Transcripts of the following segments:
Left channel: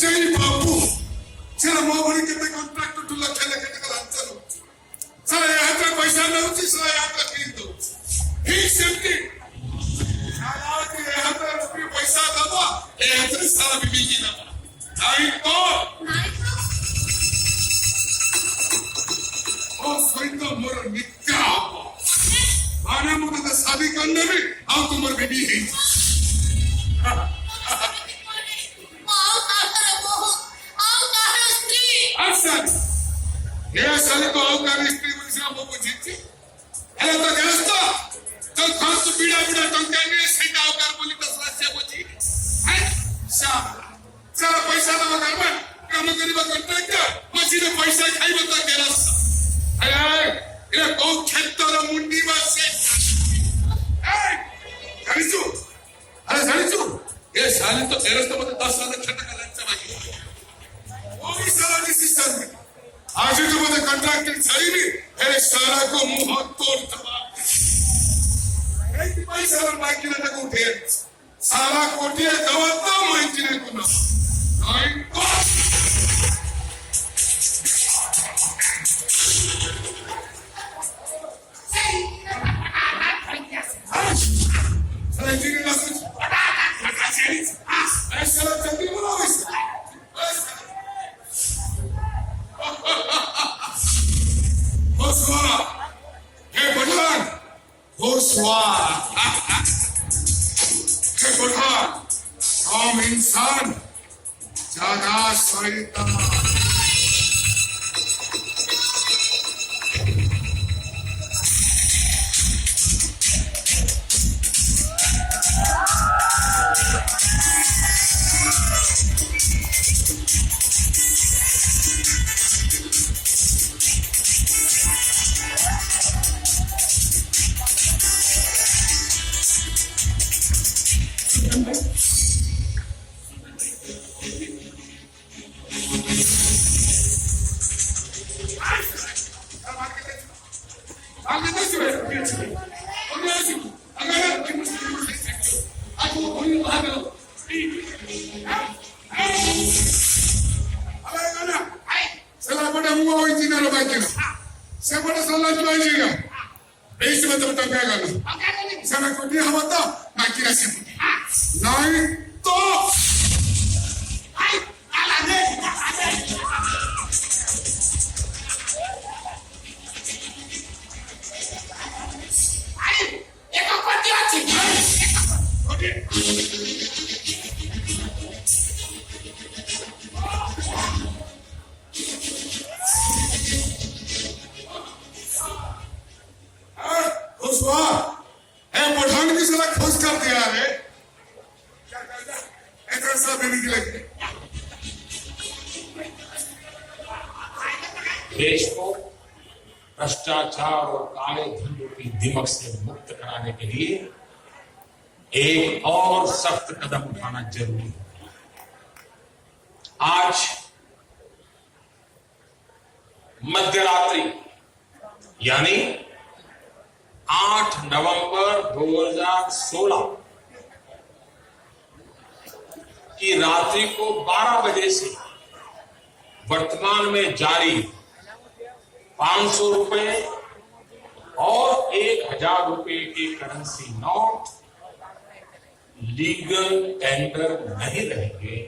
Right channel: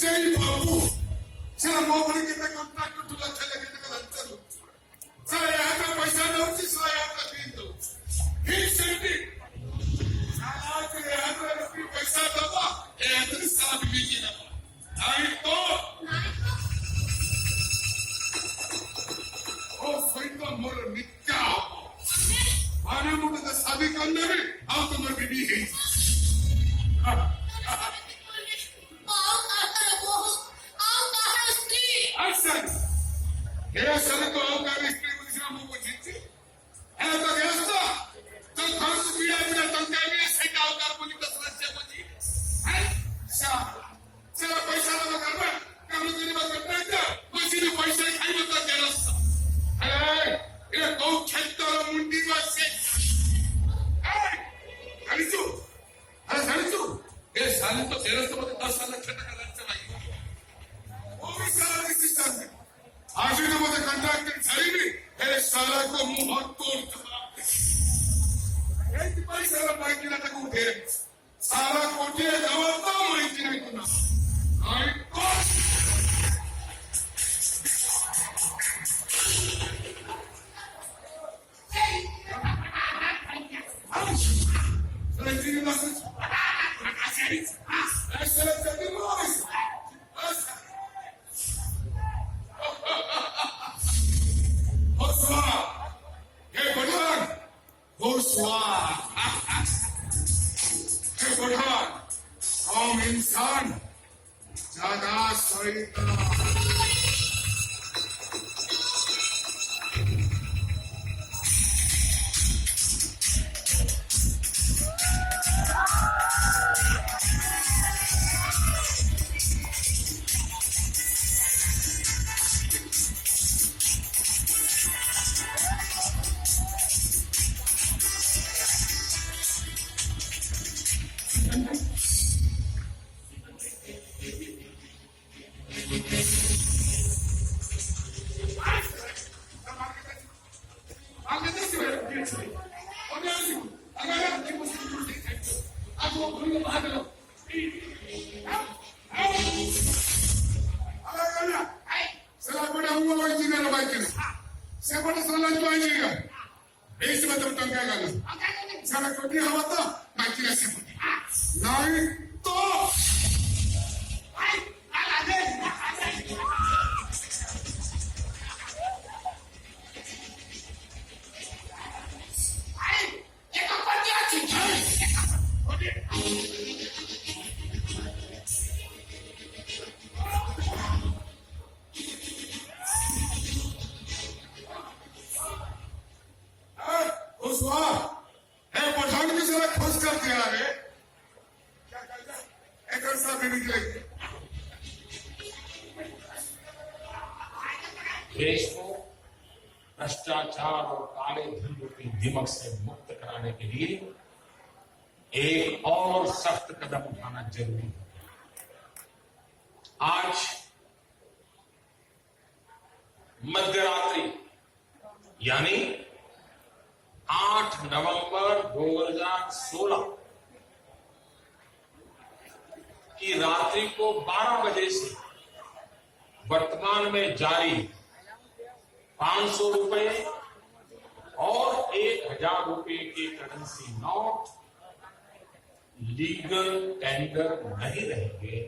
जय बाबू सारा मोहरी के कॉन्ट्रैक्ट टू लक्ष लक्ष के लांचन सारा यहाँ का पैसा न होती सारा यहाँ का खरीद दो ठीक सेमती सारा के यहाँ का रुपये पैसा दबा यहाँ का सारा बीबी की दबा नहीं तो ओ स्वयं मोर नित्य आने मुझे तो शादी करने में आप तुम्हारे बीबी है ये साले को आउकार स्त्री से हम को जीती हेलो तो गैसता तो खास तो पीड़ा पीड़ा तो कहने से आउकार बोली तो समस्या को जी है सारा पैसा लगा करबा काम करिबा कॉन्ट्रैक्ट मशीन पैसा खाइबो तो गेरस ए ये को खेतर मुंडी मासे ए जानिसु अरे जानिसु ये साले तो गेरस तो मत 10 साल छटका लंच भाई वो भी सारा डिसीजन में आज जो मुझे कॉन्ट्रैक्ट चाहिए मेरे सारा को मुंह तोड़ दबा एक पैसा और बाइक ने तक उठे सारा कोटे दबाता माइक ने को ना आई को सारे जी ने कुछ ऐसा जल्दी बोलो हे भगवान हे भगवान हम इंसान ज्यादा शैतान देश को भ्रष्टाचार और काले धन रूपी दिमक से मुक्त कराने के लिए एक और सख्त कदम उठाना जरूरी है। आज मध्यरात्रि यानी 8 नवंबर 2016 की रात्रि को 12 बजे से वर्तमान में जारी 500 रुपए और 1000 रुपए के करेंसी नोट लीगल टेंडर नहीं रहेंगे।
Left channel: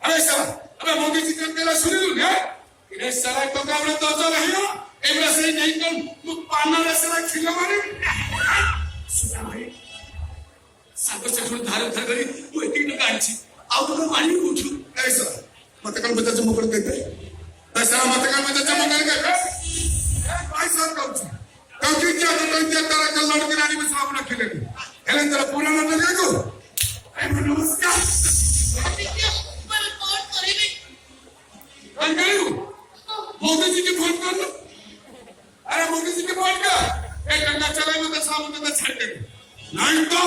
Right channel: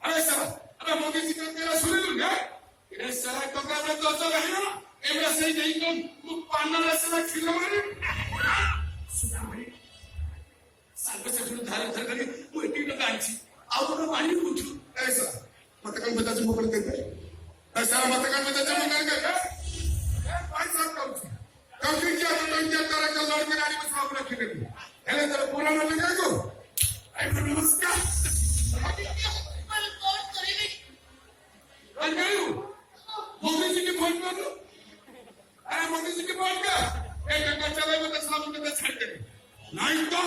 अरे साला अबे मोदी जी का मेरा सुन लूं है इन्हें साला तो काबले तो नहीं हो एक बार सही नहीं कर तू पाना रे साला खिलवाने सुना भाई साबे से थोड़ा धार धर गई तू एक टका आणची आउ तो पानी उठू ऐसा मत कल बता जम कर देते ऐसा मत कल बता जम कर के ए भाई साहब कहू क्योंकि क्या तो इंडिया तरह का लड़के रानी में सब अपना खेलेंगे हेले तेरा पूरा न लगेगा ए नमस्कार मोदी जी की फोन कर लो। अरे मोदी जी की फोन कर, एक घंटा चले तो 10 मिनट तक छाड़ देंगे। नहीं तो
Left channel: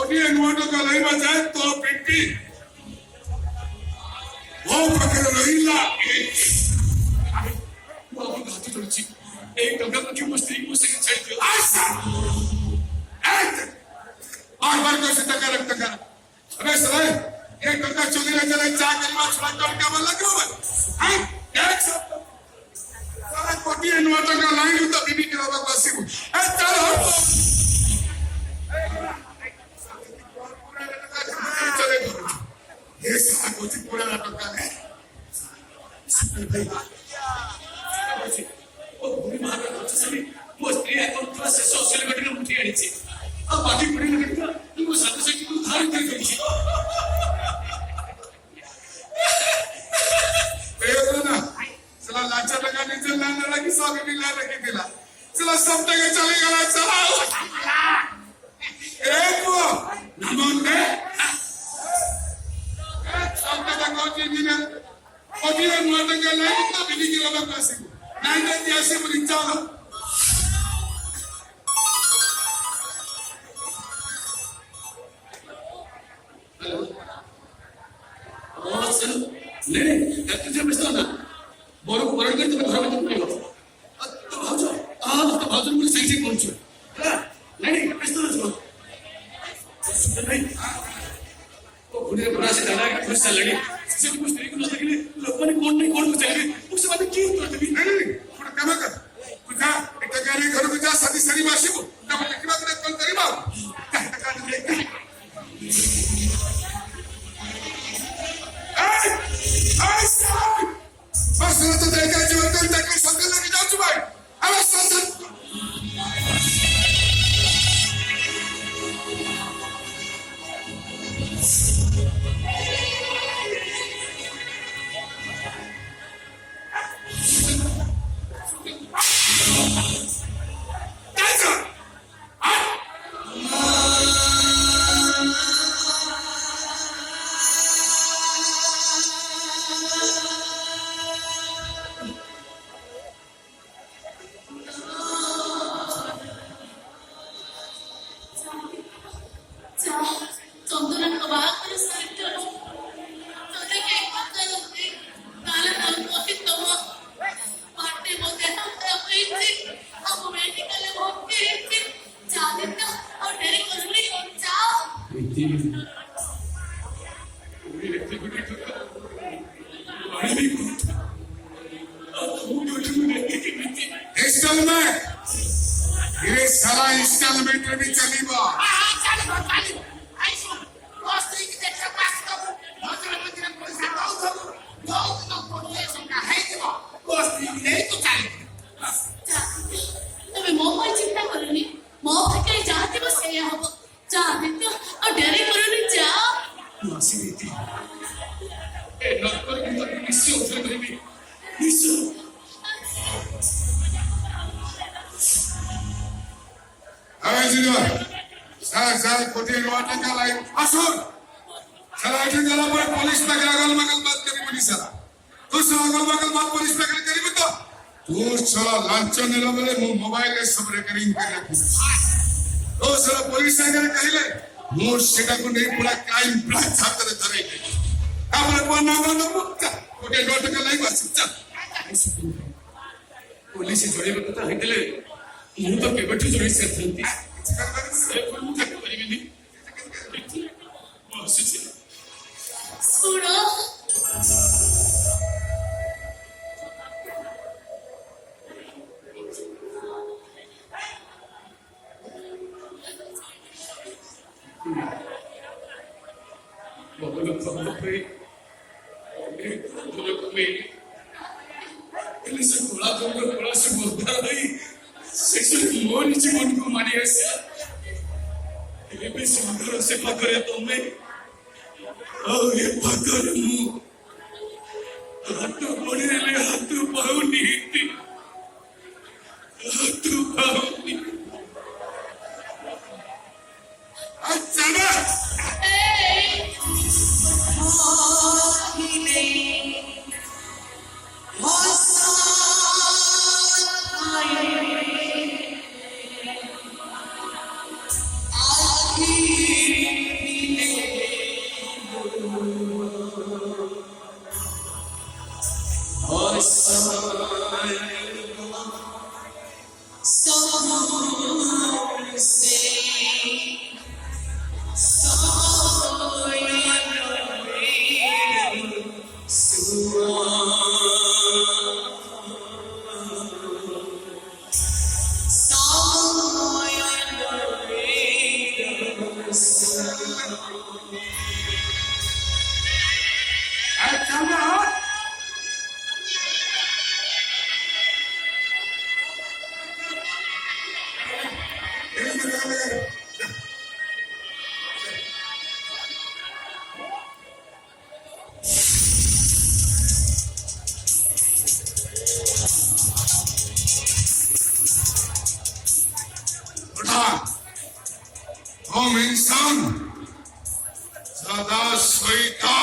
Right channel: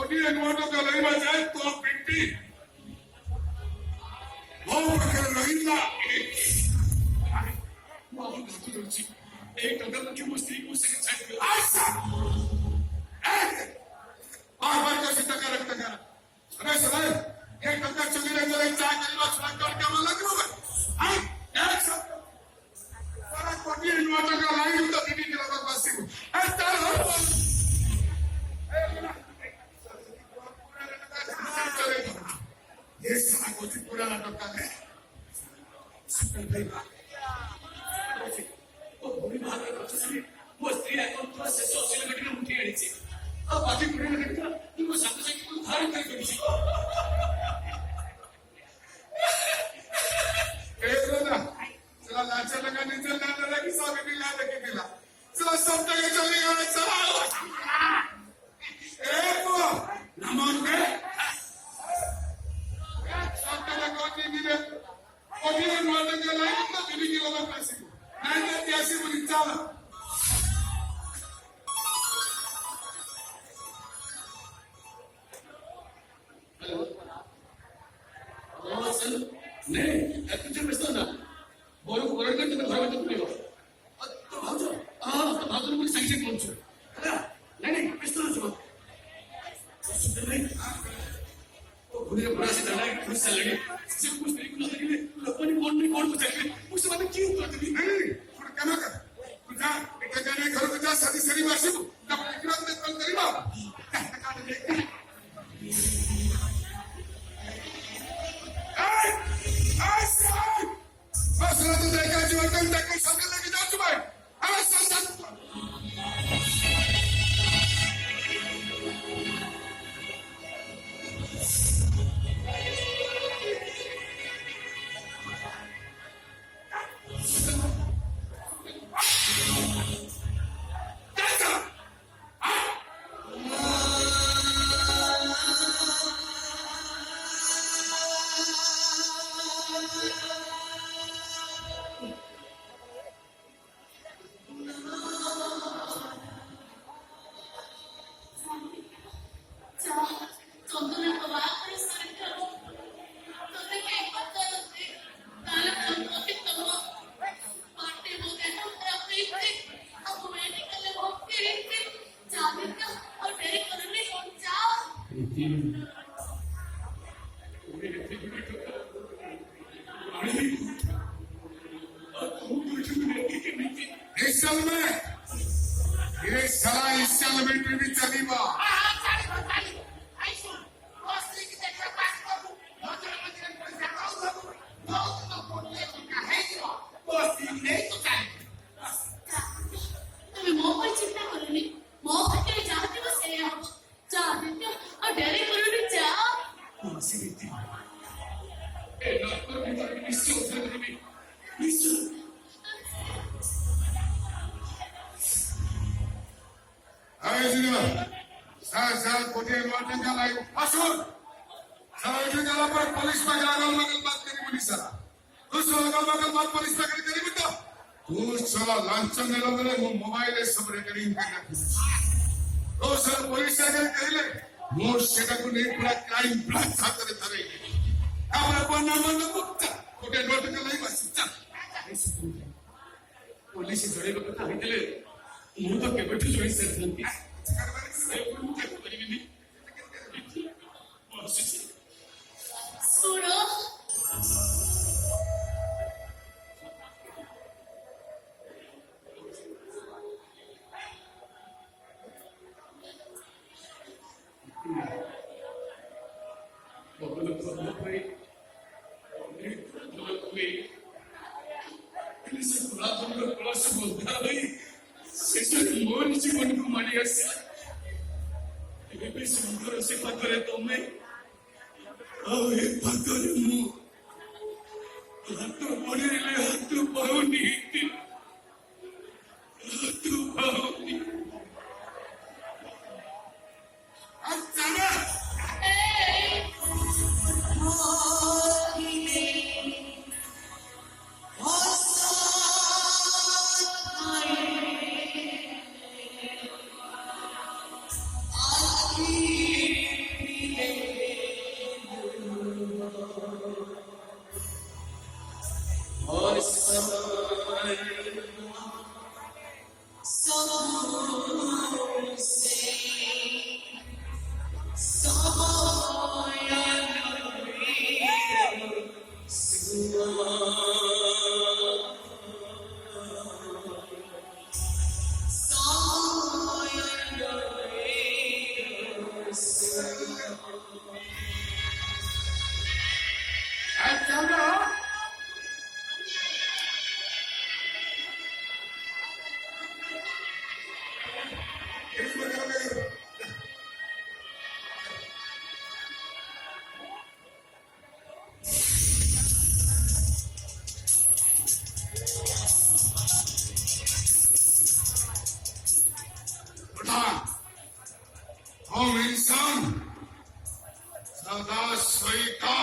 ओडिया नोटों का नहीं बजाए तो पिट्टी वो पकड़ नहीं ला वो अभी गाती तो ची एक टंका की मस्ती को से चाहिए आसा बार को सीधा कर रखता कर अबे सर एक टंका चोरी ले चले चार कलमा छुड़ा कर क्या बोला क्यों है एक सब सारा ओडिया नोटों का लाइन तो बिनी करा तो बस ही चलो ये सारा कुछ पूरा लटका है ओ भूमि मारा कुछ सभी वो स्त्री अकाउंट पर से सोशल मीडिया में उठी आई थी अब बाकी पड़ी लगता तुमको साथ से क्यों धारण कर गई ए ना चला लाचा लगा नीचे लाने लगा कि सौ के भी ला रखे दिला चला सब जगह चले गया चला ए वो नमोंगे Odia Jatra lain tak bini orang kasih. Nanti dia sih berbicara. Oh, sir, le, itu je mesti ada. Baru kan tu berapa tu perlu. Tu baca, tu baca mesti sih kunci. Le, mesti ada. Sudah ni. तो उन्हें बड़ा से दादा का गुस्सा लगे जब कुछ तरीके ना लगे लोगों ने कौन को चाहिए उससे बात क्यों तो तभी नहीं थोड़ा कम कर कुछ एक गाड़ी घर में जा सदी सरी वासी को ना मैं एक बार कौन करीबा टका देखता ए साहब बस तो देखा जो तक संग लगे जा चुका है अरे सर हम इंसान सदा सोईता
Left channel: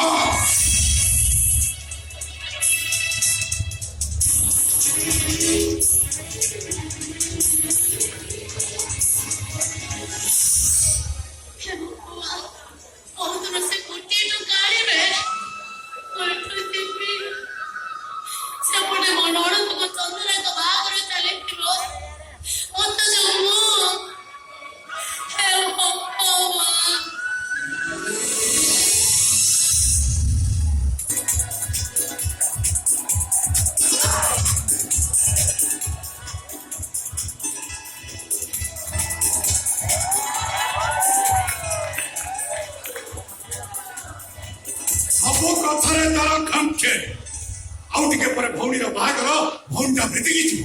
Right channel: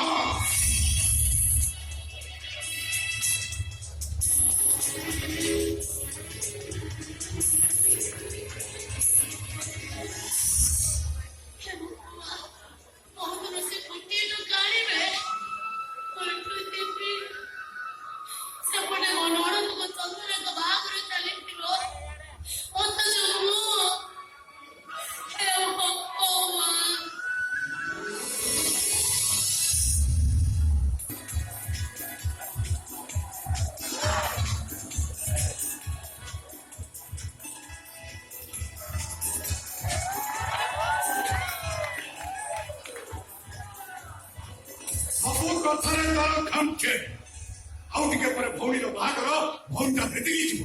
आउटिके पर भौनी बाघर भौनीटा भेटिकी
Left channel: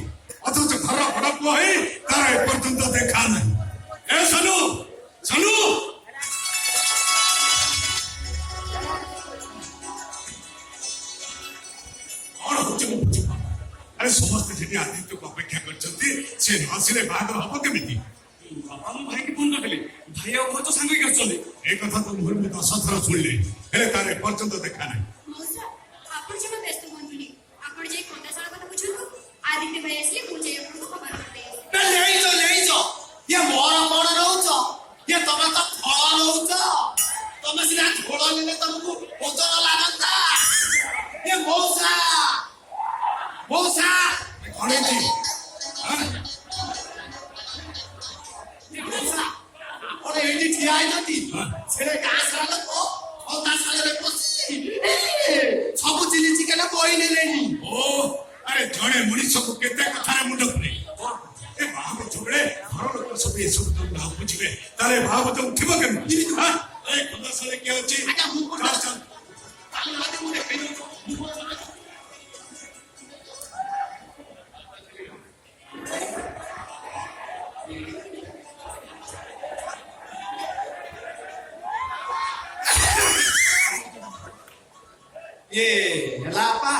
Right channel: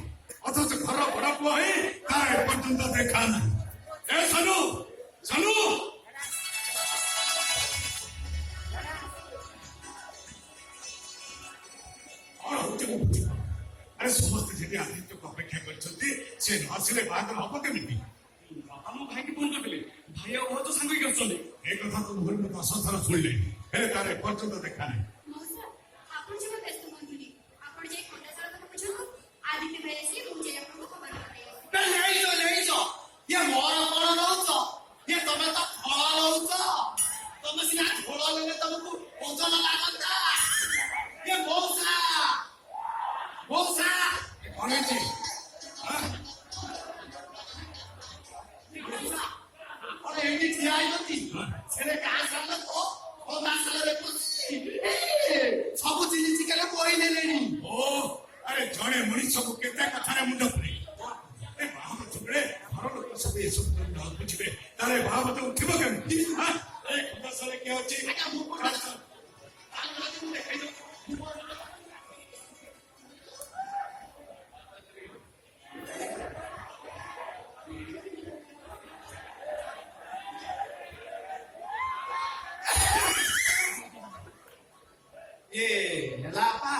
अथच घर भड़ा पुआ है तारा पर्यंत देखा नहीं ए सानू सानू कौन होचे मु बुझी पा अरे समस्त जने आदित्य को अपेक्षा करछंती से नसिले बाघर हब केमिति बाबा मो भाई की फोन करले भाई और तो संग करछले ए कथा तो मोर में 10 थरा सुनले हेले तारे पर्यंत देखा नहीं आदित्य भाई असली मुझे आपको खबर करते हैं ले जो ये मोर मोर रहउछो ये तमे तो फळ रहउछो तमे सिना झोळ लेले तुमको ओजन लागंता ये मौसा घणे जी हां ये मौसा और एडी ठिया आइलती सेले का साला को और ता साला रे पसी सब चिली चिकेला कोई नेलेनी ओ अरे जड़े मनीष को केते कथा रे मुंड नहीं ए भाव झगड़े घर लोग सब ये सब तुम ना बुझिबे तारे भाव तो उठिबो केमति हां ए खुदा साले के होची आका मु को चल ताले लागे मु देखै ये हला apa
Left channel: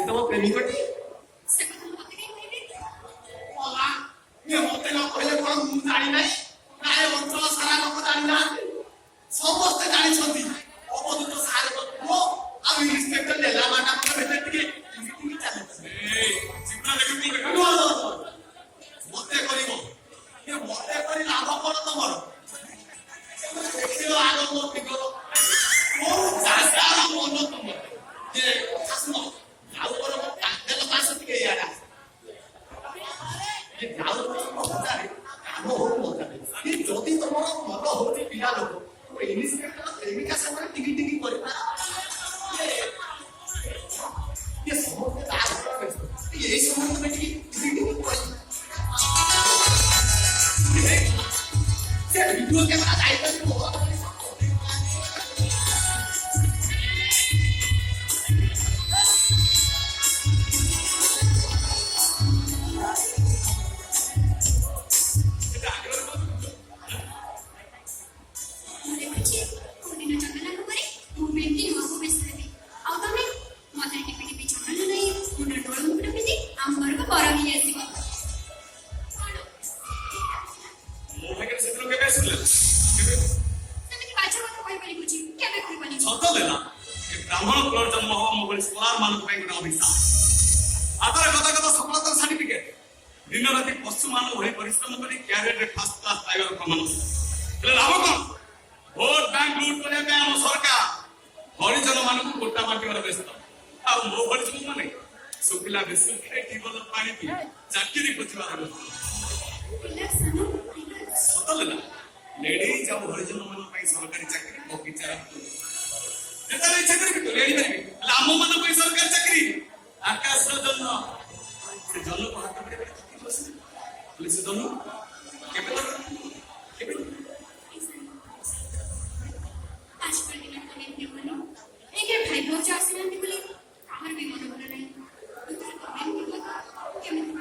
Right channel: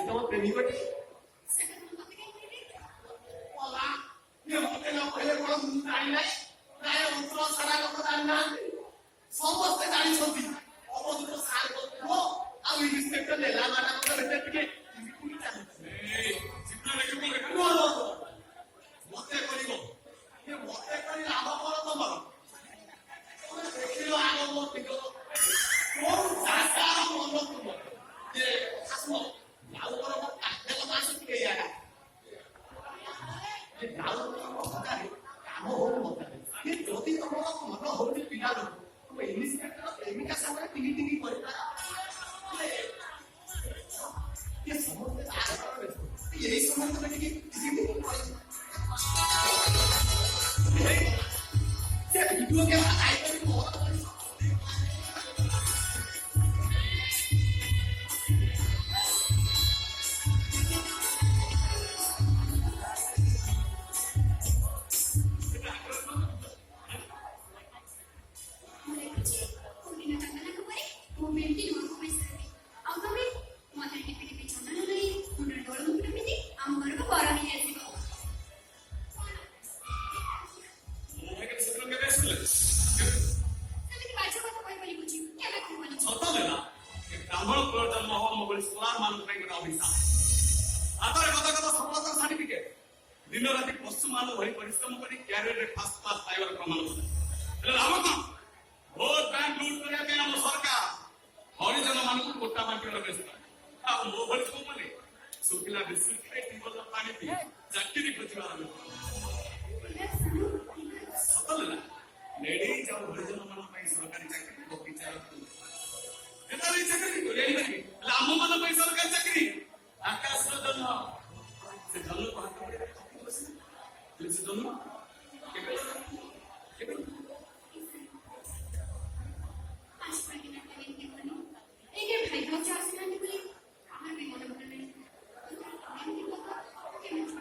itu mau premium kan? Malah, dia mau tengok boleh orang dari naik, naik kontrol sekarang aku dari nanti. Semua dari nanti. Apa itu sehari berapa? Aku ini step le lama nak kerja tinggi, tinggi cakap. Cipta lagi tu lagi. Mote kali mo. Dia mote kali lama kau tu moro. Kau lama mo pikir. Oh, sekarang mo tu moro. Dia kasih Aku orang tak dalam masuk tiga ya kan. Ini kalau mau cari, kamu mau cari. Ini jodi orang mau hobi pindah loh. Ini sekarang ini kasar tinggi kuat. Ya semua kita ada. Ya semua kita tinggi kuat. Jadi dua kan ada itu semua. दिन राति पशु मान परिश्रम कर career fast class पाइबार प्रमाण लाभ कौन vote bank লুট করে দেয় ଆମ ସରକାର ହରିଜନ ମାନଙ୍କୁ ଗୋଟା ମାଟିବାର ବ୍ୟସ୍ତ ଆଉ ମୋ ହରିଜନ ମାନେ ଶୁଖିଲା ବିସ୍କୁଟ ଖାଇ ଟିବଲ ପାଣି ପିଇ ଚାକିରି ଖୋଜିବାର ପିଲା ସାନ ସତଲେ ନା ନେଡେଇ ଯାଉ ହରିଜନ ମାନଙ୍କ ପାଇଁ ସରକାରୀ ଚାକିରି ବଗିଚା ଯେତେବେଳେ ଇଚ୍ଛା କରିବି ତ ନେଡି ପାରିବି ହେଲେ ଆମ ମାନଙ୍କ ପାଇଁ ସରକାରୀ ଚାକିରି ଆକାଶର ଜନ୍ମ ସେ ଜନ୍ମକୁ ହାତ ଧରି ବସିବି ହେଲେ ସେ ଜନ୍ମ କେବେ କେବେ ଆଜିକାଲି ପିଲାମାନେ କେବଳ ଏଇକେ ଭାଇ ଭାଉଜ ଆସିନାହାନ୍ତି ବୋଲି ଆମର ବି ମନ ଭଲ ନାହିଁ କେମିତି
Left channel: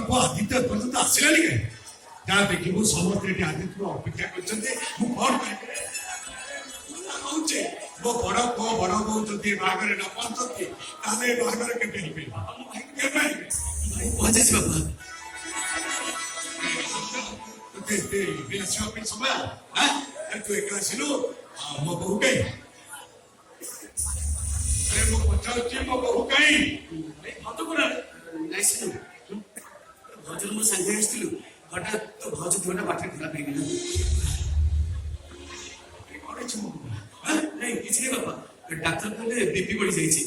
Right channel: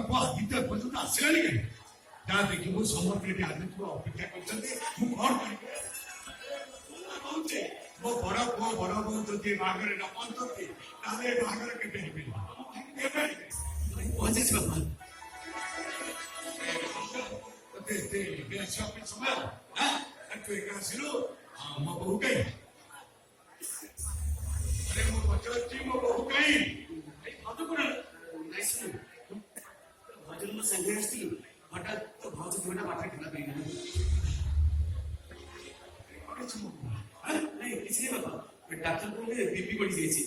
ବାପ ଆଦିତ୍ୟ ପର୍ଯ୍ୟନ୍ତ ଆସିଲାନି କାହିଁ ଯାହା ଦେଖିବୁ ସମସ୍ତେ ଏଠି ଆଦିତ୍ୟକୁ ଅପେକ୍ଷା କରିଛନ୍ତି ମୁଁ କଣ କହୁଛେ ମୋ ବଡ ପୁଅ ବଡ ବୋଉ ଯଦି ବାହାଘରେ ନ ପହଞ୍ଚନ୍ତି ତାହେଲେ ଏ ବାହାଘର କେବେ ହେଇପାରିବ ପହଞ୍ଚିଛି ବାପା ଆସିବା ପାଇଁ ସମୟ ତୁ ଏକା ଆସିଲୁ ମୋ ବୋହୁ କାହିଁ ମୁଁ ପଚାରୁଛି ମୋ ବୋହୁ କାହିଁ ନାଇଁ ସାର୍ ଭଜନ ମୋ ସାଙ୍ଗେ ଆସିଥିଲୁ ହଠାତ୍ ତ ଭଜ ଦେହଟା ବାଟରେ ଖରାପ ହେଇଗଲା ନାଇଁ କିଛି ନାଇଁ ବାପା ଡାକ୍ତର କହିଲେ ବିପି ବଢି ଯାଇଛି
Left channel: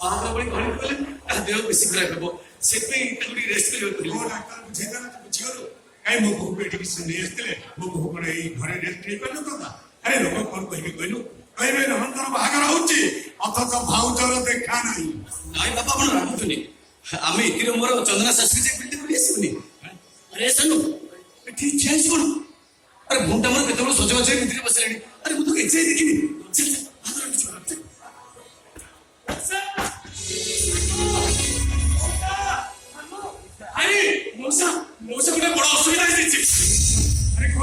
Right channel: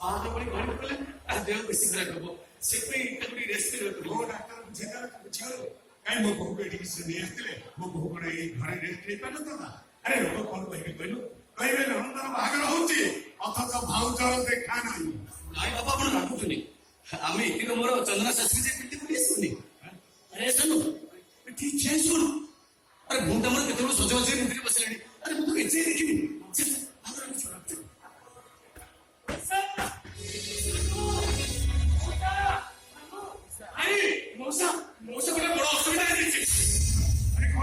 ବାରଟା ବେଳେ ଘରକୁ ଗଲେ ତା ଦେହ ବେଶୀ ଖରାପ ହବ ସେଥିପାଇଁ ତାକୁ ଟିକେ ରେଷ୍ଟ କରିବାକୁ ପଡିବ ଡାକ୍ତର ବୁଝେଇଦେଲେ ତୁ ବୁଝିଗଲୁ କାହିଁ ମୋ ବୋହୁ ଏଠିକି ନେଇ ଆସିଥିଲେ ମୋ ବୋହୁ କଣ ଏଇ ଘରେ ରେଷ୍ଟ ନେଇପାରିନଥାନ୍ତା ଆରେ ଲୋକ କଣ କହିବେ କହିଲୁ କହିବେ ରୋହନଙ୍କର ବାହାଘର ହଉଛି ଅଥଚ ଭାଉଜର ଦେଖା ନାହିଁ ନାଇଁ ବାପା କଣ ରାଗୁଛନ୍ତି ଆମେ ଏଥିରେ ମୋର ଚନ୍ଦନା ଶାଶୁକୁ ଯାଇ ପିଟି ବୁଲି ଆସିବୁନି ଆରେ ସାନୁ ଏଠି ଚେଞ୍ଜ କଣ ଆରେ ଘଣ୍ଟା ମୋର କେତେବେଳେ ସଜବାଜ ହେଇ ଭିତରେ ବସିଲାଣି ଆରେ ମୁଁ ତ ଏଯାଇ ଦେଖିନି ଆରେ ମଉସା ଗୋଟେ ବଡ ଅସୁବିଧା ହେଇଯାଇଛି ଆରେ କଣ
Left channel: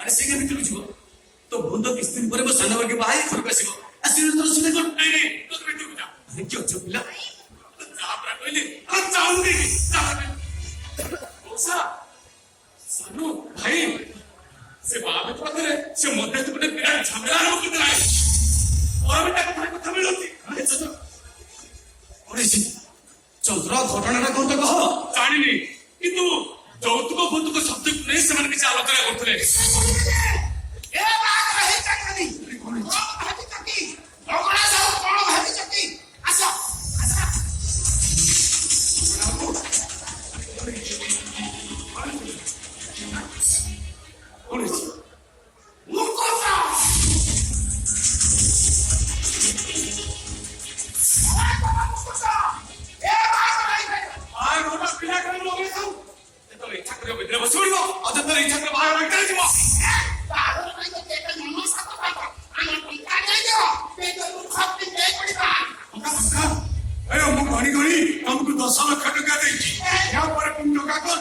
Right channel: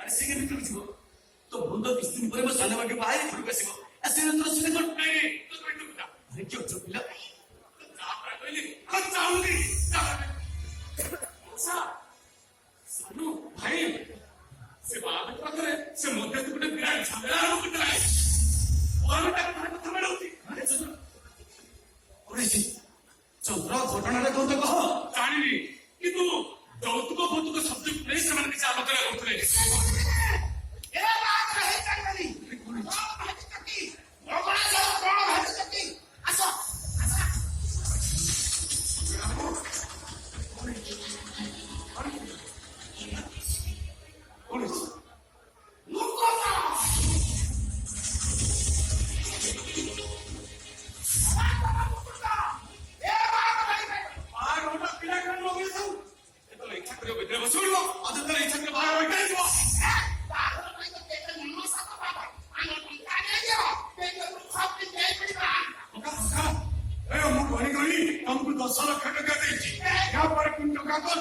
ଆରେ ସେ ଭିତରକୁ ଯିବ ତ ବନ୍ଧ କିଛି ଦିନ ପରେ ମୋ ସାନ ଭାଇକି ବାହା ହେଇ ଘରକୁ ଆସିବ ଆସିଲେ ତୋର ସୁବିଧା କଣ କିଏ ଅଛ ପିଲା କହିଲି ସାନୁ ଭାଇ ସେ ବାହାଘର ପାଖରେ ସେ ମତେ ଗୋଟେ ବିରାଟ ଝାମେଲା କିନ୍ତୁ ନାହିଁ ମୋର ବି ତାଙ୍କ ଭାଇ କଥା ମିଳୁଛି ଚନ୍ଦ୍ର ଘଟଣାଟା କଣ କହ ଜାଣିନି କିନ୍ତୁ ଯୌତୁକ ଭୌତୁକ ଶବ୍ଦକୁ ନେଇ ସେମାନେ କିଛି ଆଲୋଚନା କରୁଥିଲେ ଆମକୁ 10 ଲକ୍ଷ ଟଙ୍କା ଦେଇଛି ଏହାପରେ ପୁଣି ଟଙ୍କା କଣ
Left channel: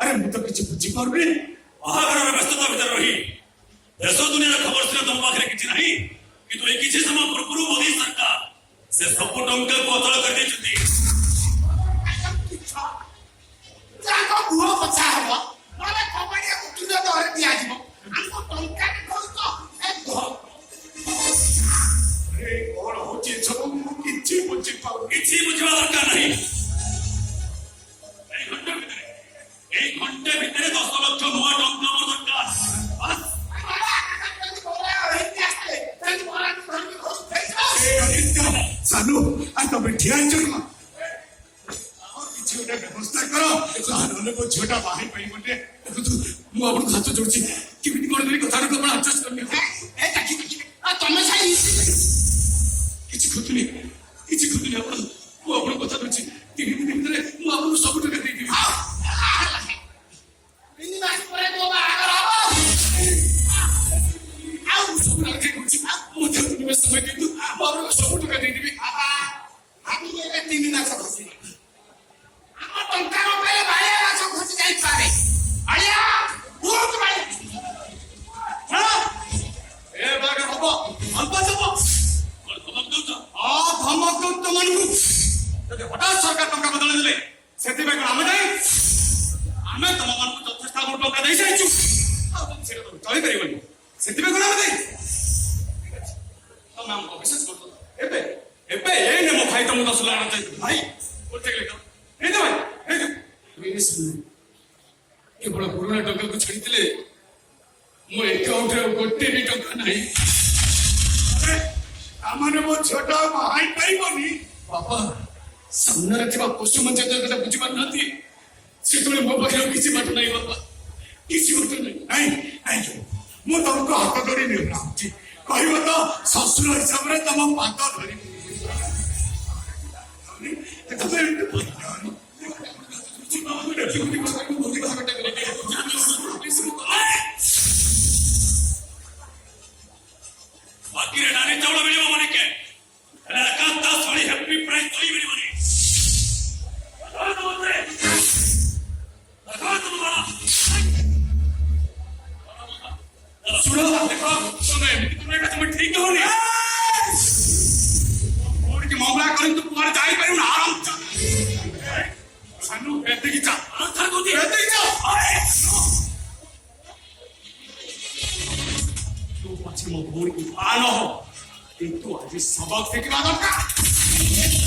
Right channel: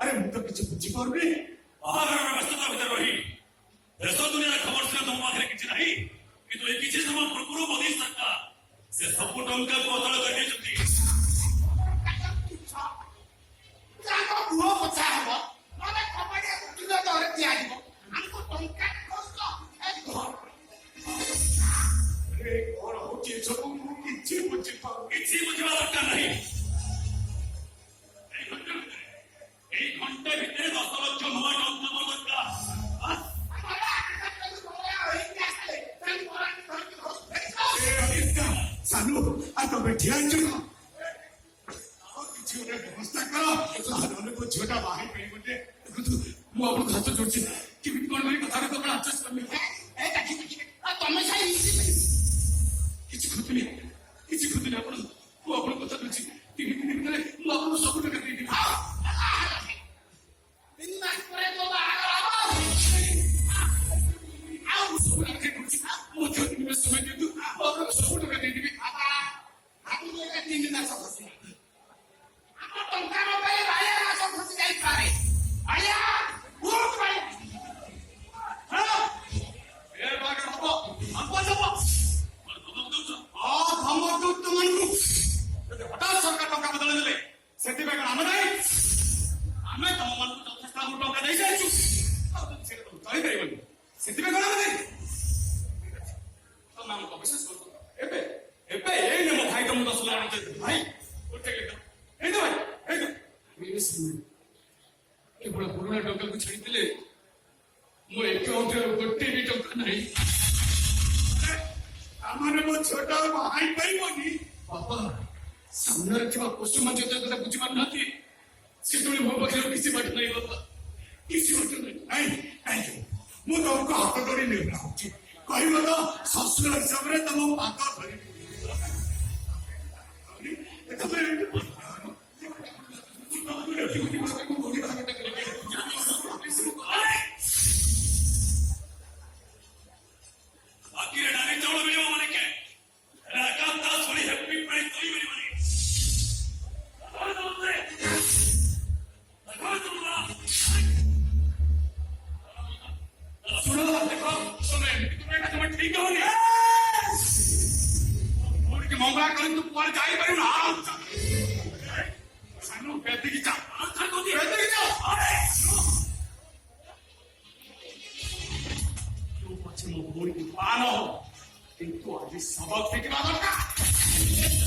ଆରେ ମୁଁ ତ କିଛି ବୁଝିପାରୁନି ବାହାଘରର ବ୍ୟସ୍ତତା ଭିତରେ ରହି ଦେଶ ଦୁନିଆର ଖବର ଥିଲା ତମ ପାଖରେ କିଛି ନାହିଁ କିନ୍ତୁ ଏଇ କିଛି ସମୟ ପୂର୍ବରୁ ମୋଦି ସରକାର ସେ ସବୁ ଟଙ୍କାକୁ ଅଚଳ କରିଦେଇଛନ୍ତି କିଛି ବୁଝିବା ଦରକାର ନାହିଁ ଏଇ ଘଣ୍ଟେ ଭିତରେ 10 ଲକ୍ଷ ନୂଆ ଟଙ୍କା ମୋର ଦରକାର ସାନୁ ତମେ ଠିଆ ହେଇଛ କିଛି ଗୋଟେ ବ୍ୟବସ୍ଥା କର ନହେଲେ ମୋ ଝିଅଟା ବାହା ହେଇପାରିବନି ଦେଖନ୍ତୁ ମୁଁ ଆପଣଙ୍କୁ ହାତ ଯୋଡୁଛି କେମିତି କଣ କରି କଥାଟା ଆପଣ ଆଡଜଷ୍ଟ କରିନି କିଛି ଖୋଜୁନି ଆପଣ ମୁଁ ଆପଣଙ୍କ କଥା କହୁଛି 3 ଦିନ ଭିତରେ ମୁଁ ଆପଣଙ୍କୁ ସବୁ ଟଙ୍କା ଦେଇଦେବି ସବୁ ଟଙ୍କା ଦେଇଦେବି ହଠାତ୍ ସରକାର ଟଙ୍କା ବଦଳି ଦେଲେ ସେଥିପାଇଁ କଣ ଆମେ ନାହିଁ ଆମେ ତମମାନଙ୍କୁ ଯଥେଷ୍ଟ ଆମକୁ ଟଙ୍କା ଦେଇସାରିଛୁ ସେଇଟା ତ ଚଳିପାରିବନି ସେଥିପାଇଁ କଣ ଆମେ ଦେଇ ତମ ଆମକୁ ବିଶେଷ କରୁଛ ଏବେ ଏଇନେ ମୋ ଭାଇ ତମକୁ 10 ଲାখ ଭାଇ ଗୋଟେ କେବଳ ପୁରୁଣା ଟଙ୍କାକୁ ଛାଡ଼ିଥିଲେ ମୋ ଏକାଉଣ୍ଟରେ ଗୋଟେ ବି ଟଙ୍କା ନାହିଁ ଆମମାନେ ମୋ ଝିଅଟା ବାହା ହେଇପାରିବନି ବାପା ସାମ୍ନାରେ ଥିବା ପଶୁମଞ୍ଚ କଥା ବୁଝିପାରୁନାହାନ୍ତି ସେତେବେଳେ ମୋ ପାଖରେ କିଛି ବାଟ ନାହିଁ ବାପା କିଛି ବାଟ ନାହିଁ ମୁଁ ତମକୁ ହାତ ଧରି ନେଉଛି କହିବ ତ ଶ୍ୱଶୁର ହିସାବରେ ତମ ପାଦ ଧରିବି ଦେଖିଛ ପଛେ ମୋ ଭଉଣୀକୁ ପାଳ କିନ୍ତୁ ଆଜି ସବକ ଦେଖିବା ଦରକାର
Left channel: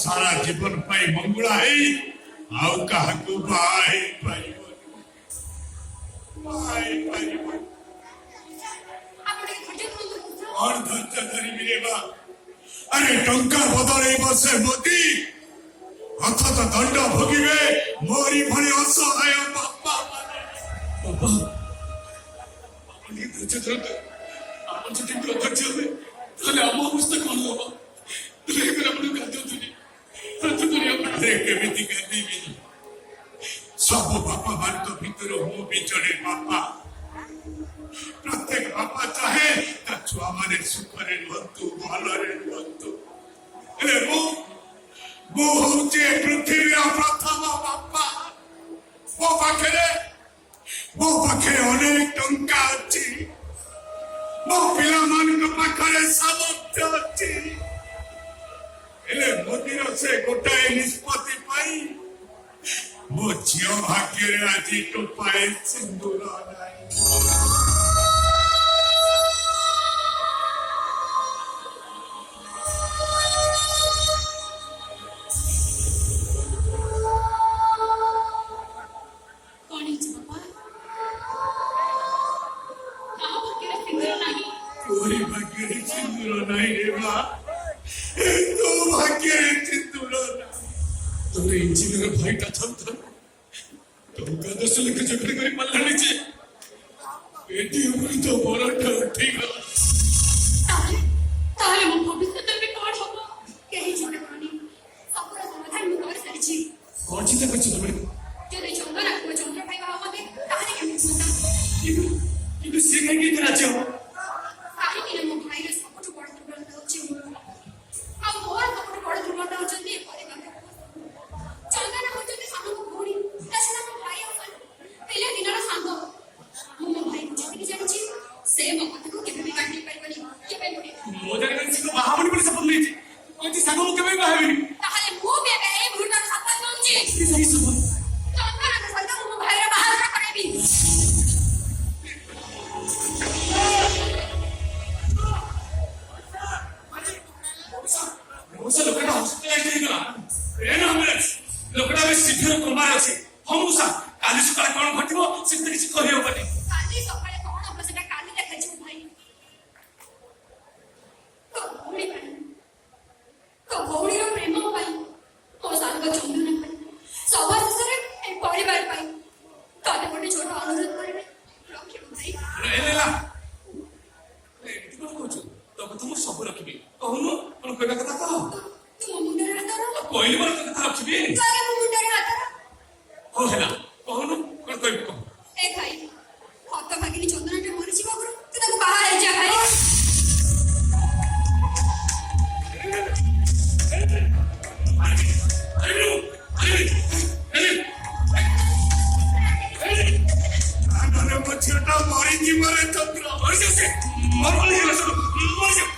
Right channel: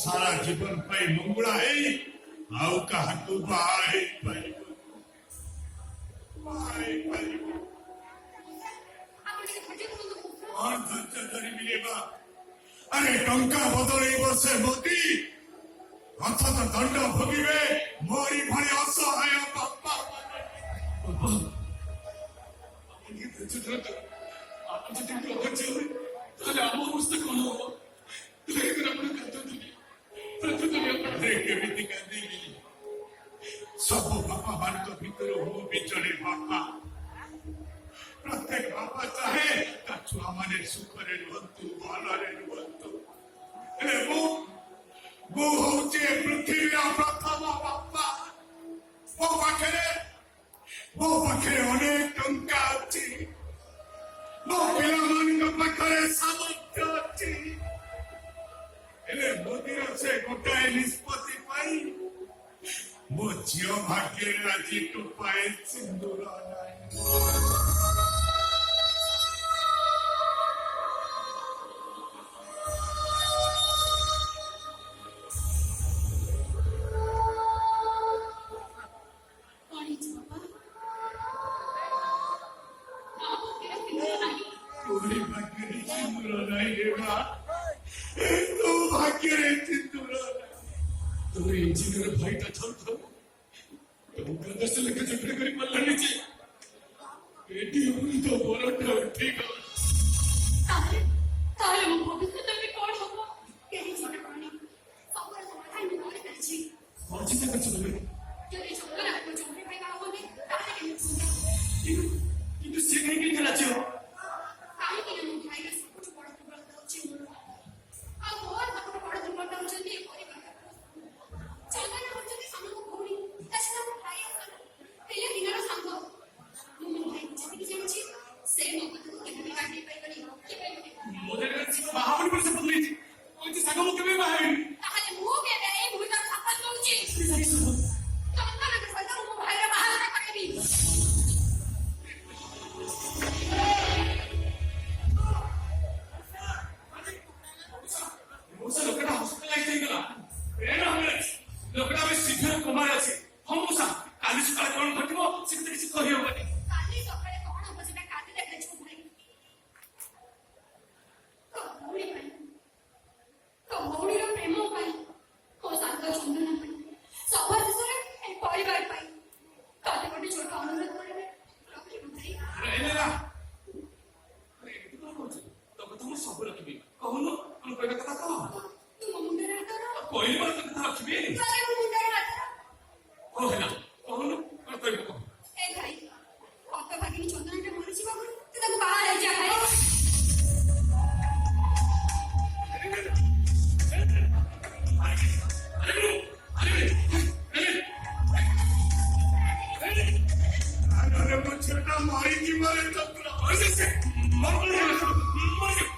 सारा जीवन पाई मंगुला है आउ कहा को बाई और धंचा धरी मिलेगा अरे टंका बदले बसे मोदी हाथ तो दंड भोगिबे मोरी भले असहाय बापा अपनी धंचा आपण जे टिकलो धंचा होते तले आम अवस्था कोन होबो लेकिन आपण गातो केमिति गांधी सब बापा मान भीतर हूँ भी जड़े बापा प्रत्येक बापा चाहे छुआ माने सुखरे रुहतु भलरे रुहतु मुझे पृथ्वी प्रथम बापा मो पाखे अनेक टंका अच्छी मो पिला मान पाखे सामर्थ्य अच्छी मोदीर से गोटाए निष्पत्ति पाई मो झील भाग्य आज टोपाए सिंदूर कोई भाग्य सिंदूर नहीं रे बा तो भाग्य सिंदूर तोरे इंजीनियर भाईटा थम तो गदस लेके झगड़े करी पल्लानी छे बेटी उरी तो बरटा ठीक ताले मो भविष्य में कोन होबो केही चिंता करनी सबरा समाधान मु कर सारिछि कोन चिंता करछि तमे जदि चंद्र को चंद्र भाई बाबा होते ताले केमि चिंता कि से कहीं की तरह छे काहे कि मो भाई रे सब बड़ दुर्बलता होछि आ मोर सब बड़ दुर्बलता होछि चंद्र होछि सामने को घोड़ी दसना मो भाई अपन पहले दिनर सांग मो भाई जति जानिछि से मो कथा को केबे भी काटी परबनी केबे पड़ी मोदर के सिको बाहाबनी पर सब नहीं थी कोई सांग मो केबे बाहाबनी ताले मो केबे ए भूटा साथ नउछि सही सब चंद्र के साथ मो भाई रे बाहर करबी मुसा लोकटा हॉस्पिटल ले गला एन एम्बुलेंस लोकटा में सीधे कोमार अछि हम मुसा काली सकाळ कोन घटिबो सिद्धि किछ कहि होबनी काली सकाळे कोन हो सेटा काली ତନ୍ତ୍ର ମରିଯାଉଛି ମୋର କଣ ହେଇଗଲା ସବୁ ମରିଯାଉଛି